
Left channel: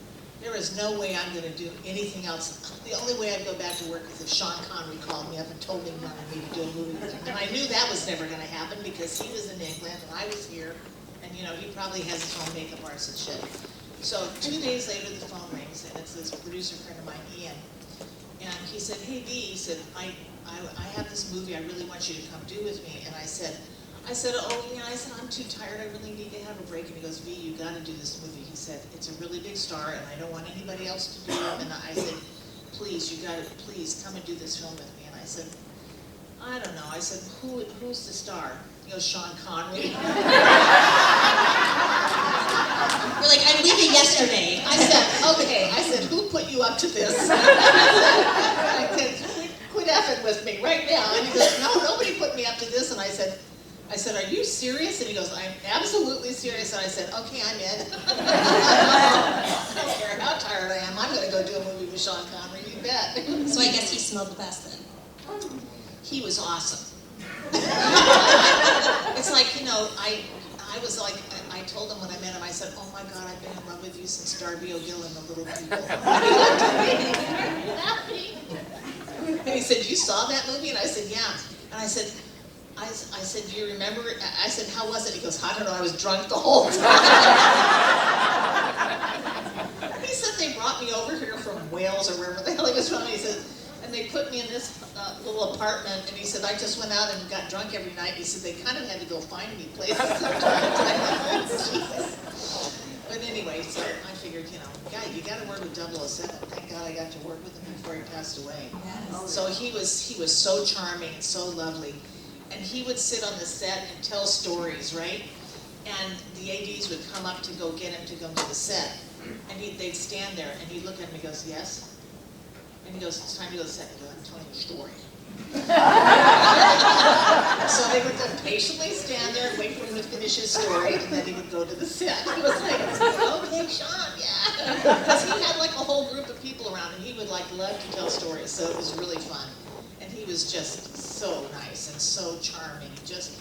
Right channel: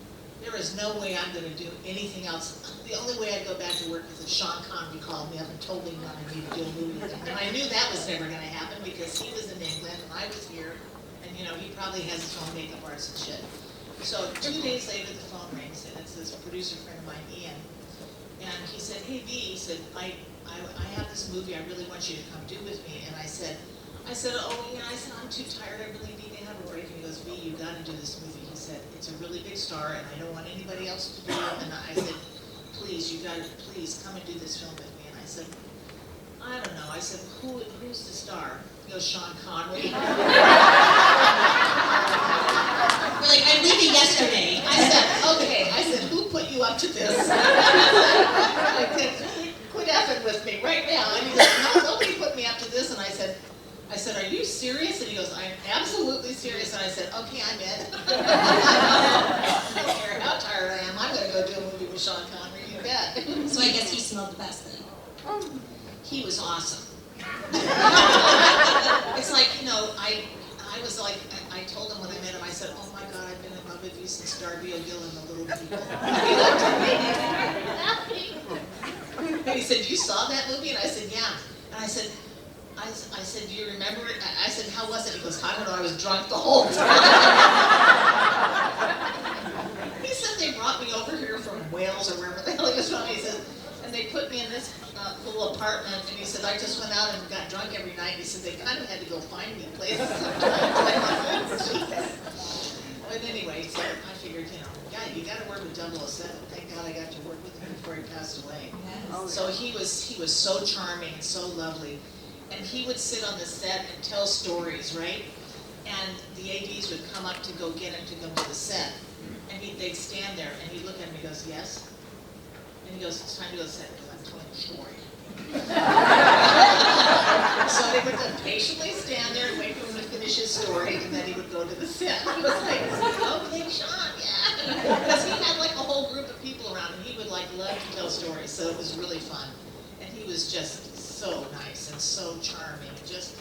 there is no way I'm going to do anything else. The only way I'd go back to work is if Sean Connery called me up and told me he wanted me to do a movie with him. And I knew that was never going to happen because he was in England and I was here, and he probably has his own makeup artist and shit. So 2 days later, the phone rings, and it's this producer friend of mine, Ian, and he said, hey, V, he said, I have this movie I really want you to come do with me. And I said, oh yeah, I'm too tired, I really need to have a break. And he goes, V, you got to do this movie. He said, it's a really big star, and I don't want anybody else to do it. And I said, please, you got to, please come and do this film with me. And I said, I don't know. I said, who's the star? He goes, Sean Connery. You're like, I'm leaving yesterday. I said, okay. I said, who put you up to this? I said, quit effing with me right now. And he goes, no, nobody put me up to this. And I said, are you serious? And he goes, I'm absolutely serious. And I said, okay, I'm in. I don't care how tired I am. I'm going to go do a movie with Sean Connery. You bet. So I guess he smelled the best then. He was awesome. It's like, I was like, I told him when I met him, I said, oh my God, I've been in love with you since Darby O'Gill and the Little People. And he said, you saw that movie? And I said, yeah. And I said, do you remember it? I said, how was it? He goes, I don't know, I was drunk the whole time. He said they brought me over here from Wales or wherever the hell he was from. He said, and they put me in this little apartment, and he said, I just went out and got drunk every night. He said, they kind of had to go find me places sometimes. But anyway, so I figured, you know, yeah, you got to work with 007. Thank God I got to work with him before he passed away. Yes. So he was so charming and so lovely. And he would sit on the set and tell stories, right? And the ADs would come up to go get him to come to the set. And they'd stand there, and he'd look at him and he goes, yes? And he goes, it's time to go to the set. He goes, I'm telling you a story. So they would just patiently stand there and wait for him to finish his story, and then he would go to the set. He was like, okay, Sean, yeah. Because he had like a whole group of people around, and he would like love to tell stories, so it was really fun. And he was just so nice and so charming, just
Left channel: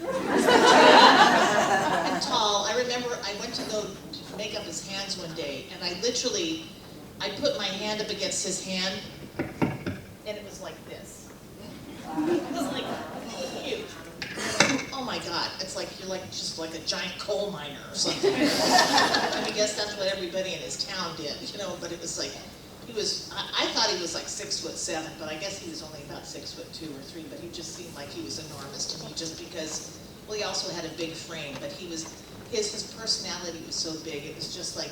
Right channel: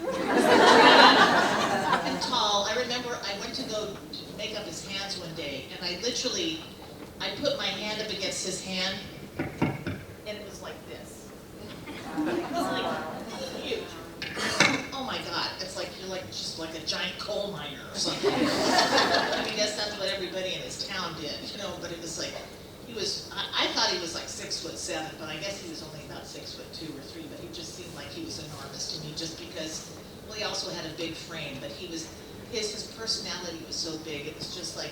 and tall. I remember I went to go make up his hands one day, and I put my hand up against his hand, and it was like this. It was like huge. Oh my God, it's like you're like just like a giant coal miner or something. I guess that's what everybody in his town did, you know, but it was like, I thought he was like 6'7", but I guess he was only about 6'2" or 3", but he just seemed like he was enormous to me just because, well, he also had a big frame, but his personality was so big, it was just like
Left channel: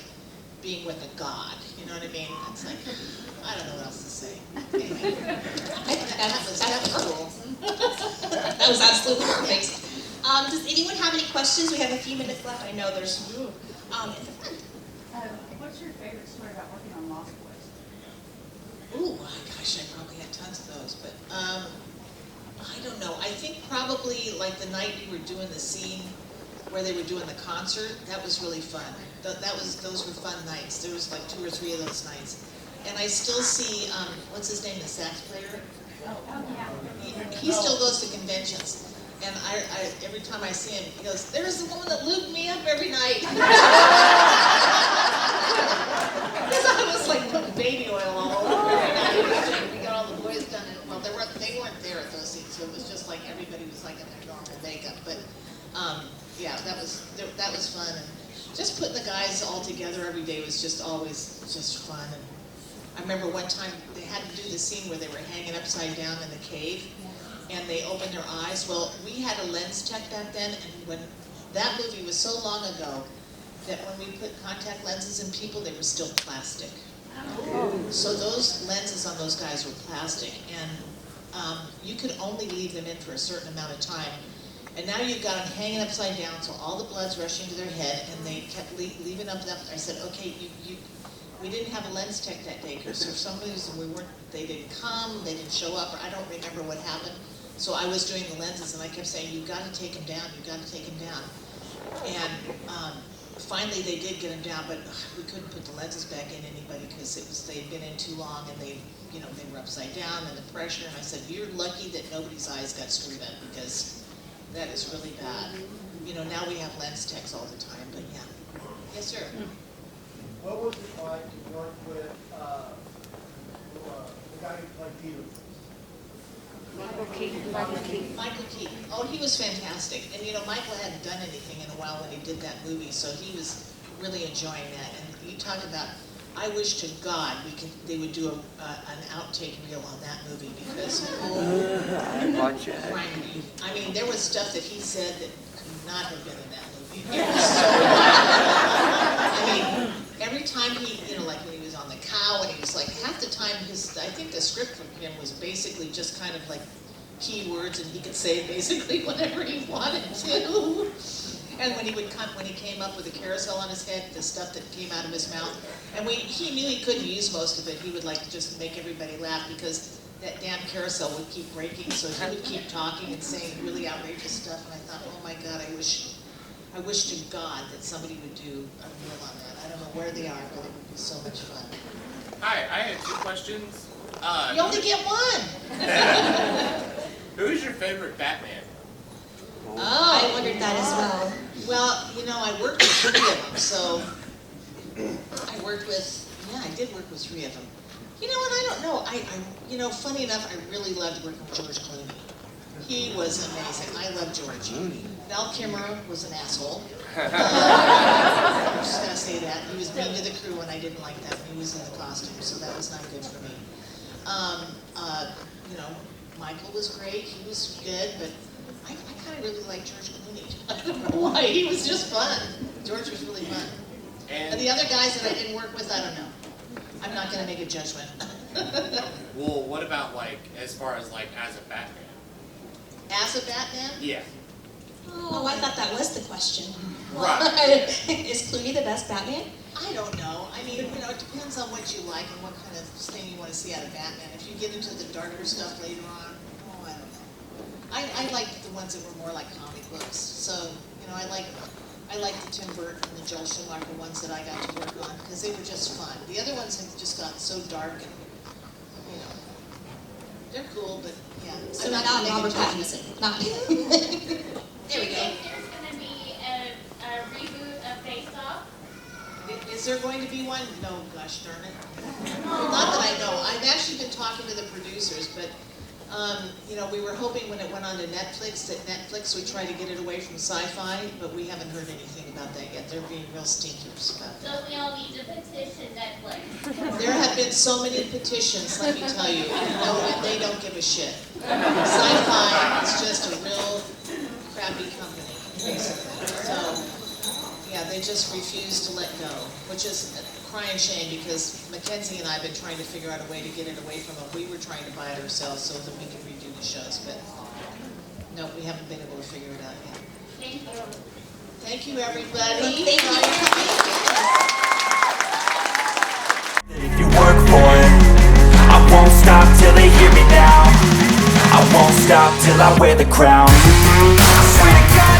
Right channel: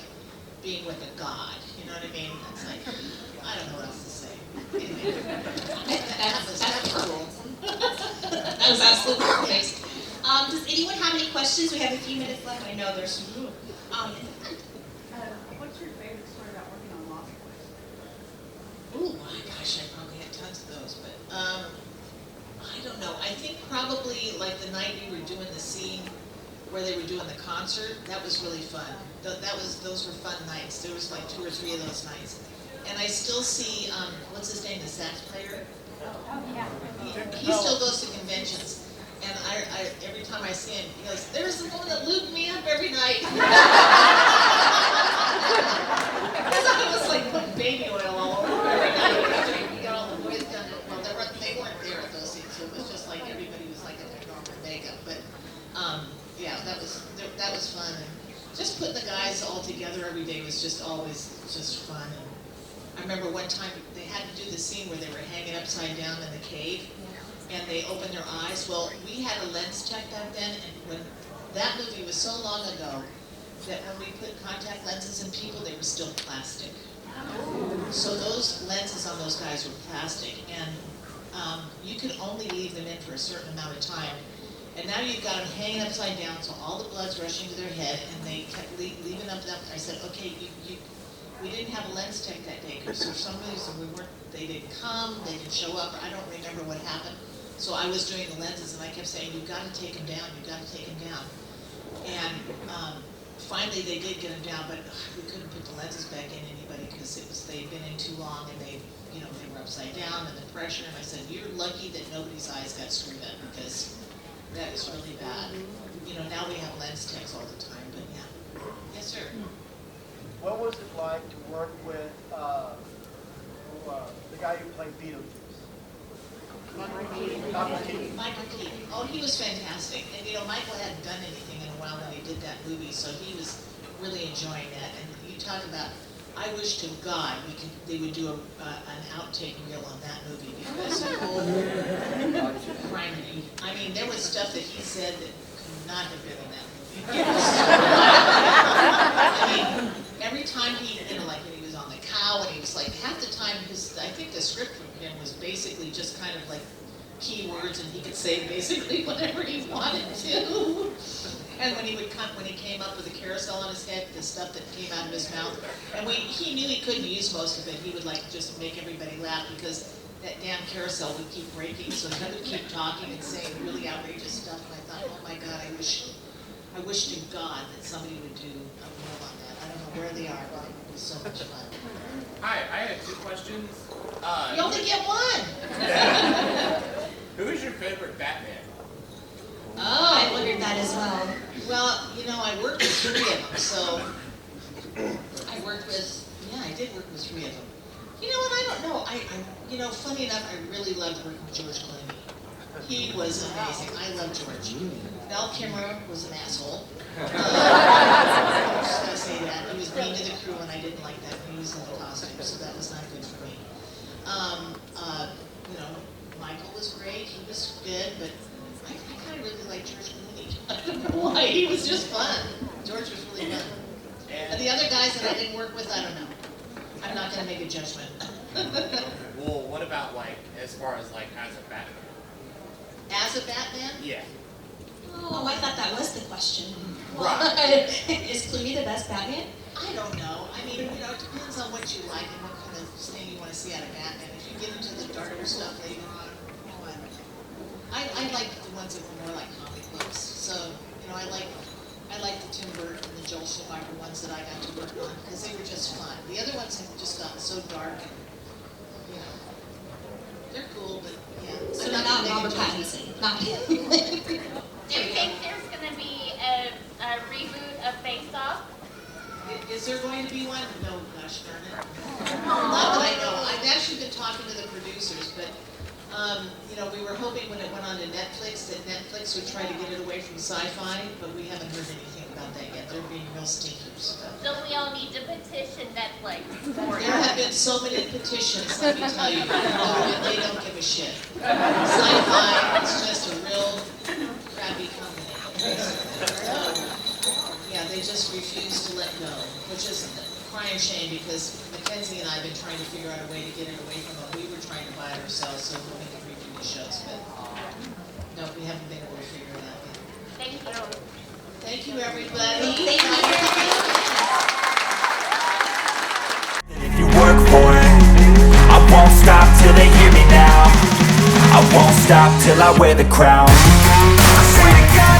being with a god, you know what I mean? It's like, I don't know what else to say. Anyway, that was cool. That was absolutely perfect. Does anyone have any questions? We have a few minutes left. I know there's in the front. What's your favorite story about working on Lost Boys? Ooh, my gosh, I probably had tons of those, but I don't know. I think probably like the night we were doing the scene where they were doing the concert, that was really fun. Those were fun nights. There was like 2 or 3 of those nights. And I still see, what's his name, the sax player? Oh, yeah. He still goes to conventions. And every time I see him, he goes, there's the woman that lubed me up every night. Because I was like putting baby oil all over every night. We got all the boys done. Well, they weren't there at those scenes, so it was just like everybody was like in their normal makeup. But yeah, that was fun. And just putting the guys all together every day was just always just fun. And I remember one time they had to do the scene where they were hanging upside down in the cave, and they opened their eyes. Well, we had a lens tech back then, and when that movie was so long ago that when we put contact lenses in people, they were still plastic. So those lenses on those guys were plastic, and you could only leave them in for a certain amount of time. And now you've got them hanging upside down, so all the blood's rushing to their head, and they kept leaving them up. I said, okay, we didn't have a lens tech that day because for some reason they didn't come, they didn't show up, or I don't remember what happened. So I was doing the lenses, and I kept saying, you've got to take them down, you've got to take them down. And finally they did get them down, but we couldn't put the lenses back in anybody because they'd been in too long, and they were upside down, and the pressure. And I said, you're lucky that nobody's eyes got screwed up because that is really bad. You know, now we have lens techs all the time, but yeah. Yes, sir. What was it like to work with the guy who played Beetlejuice? Michael Keaton. Oh, he was fantastic. And you know, Michael hadn't done anything in a while when he did that movie, so he was really enjoying that. And you talk about, I wish to God they would do an outtake reel on that movie because I mean, there was stuff that he said that could not have been in that movie. It was so I mean, every time he, like when he was on the cow, and he was like, half the time I think the script from him was basically just kind of like keywords, and he could say basically whatever he wanted to. And when he came up with a carousel on his head, the stuff that came out of his mouth, and he knew he couldn't use most of it. He would like just make everybody laugh because that damn carousel would keep breaking, so he would keep talking and saying really outrageous stuff. And I thought, oh my God, I wish to God that somebody would do a reel on that. I don't know where they are, but it would be so much fun. Hi, I have 2 questions. You only get one. Who is your favorite Batman? Oh, I wondered that as well. Well, you know, I worked with 3 of them, so I worked with, yeah, I did work with 3 of them. You know what, I don't know, you know, funny enough, I really loved working with George Clooney. He was amazing, I love George. Val Kimmerer was an asshole. I'm just gonna say that, he was mean to the crew and I didn't like that, he was in the costume, so that was not good for me. You know, Michael was great, he was good, but I kind of really like George Clooney. I don't know why, he was just fun. George was really fun. And the other guys that I didn't work with, I don't know. I'm not going to make a judgment. Well, what about like, as far as like, as a Batman? As a Batman? Yeah. Oh, I thought that was the question. Right. Is Clooney the best Batman? I don't know. I mean, you know, it depends on what you like and what kind of thing you want to see out of Batman. If you get into the darker stuff later on, oh, I don't know. I liked the ones that were more like comic books. So, you know, I liked the Tim Burton and the Joel Schumacher ones that I got to work on because they were just fun. The other ones have just gotten so dark and, you know, they're cool, but yeah. So I'm not gonna make a Robert judgment. Pattinson. Not him. Do There you we go. think there's going to be a reboot of Face Off? Is there going to be one? No, gosh darn it. Not that I know. I've actually been talking to the producers, but you know, we were hoping when it went on to Netflix that Netflix would try to get it away from sci-fi, but we haven't heard anything about that yet. They're being real stinkers about it. So we all need to petition Netflix. There have been so many petitions, let me tell you, and they don't give a shit. Sci-fi is just a real crappy company, basically. So, yeah, they just refuse to let go, which is a crying shame because Mackenzie and I have been trying to figure out a way to get it away from them. We were trying to buy it ourselves so that we could redo the shows, but no, we haven't been able to figure it out yet. Thank you. Thank you, everybody. Thank you. If you work for it, I won't stop till they hear me now. I won't stop till I wear the crown. I swear to God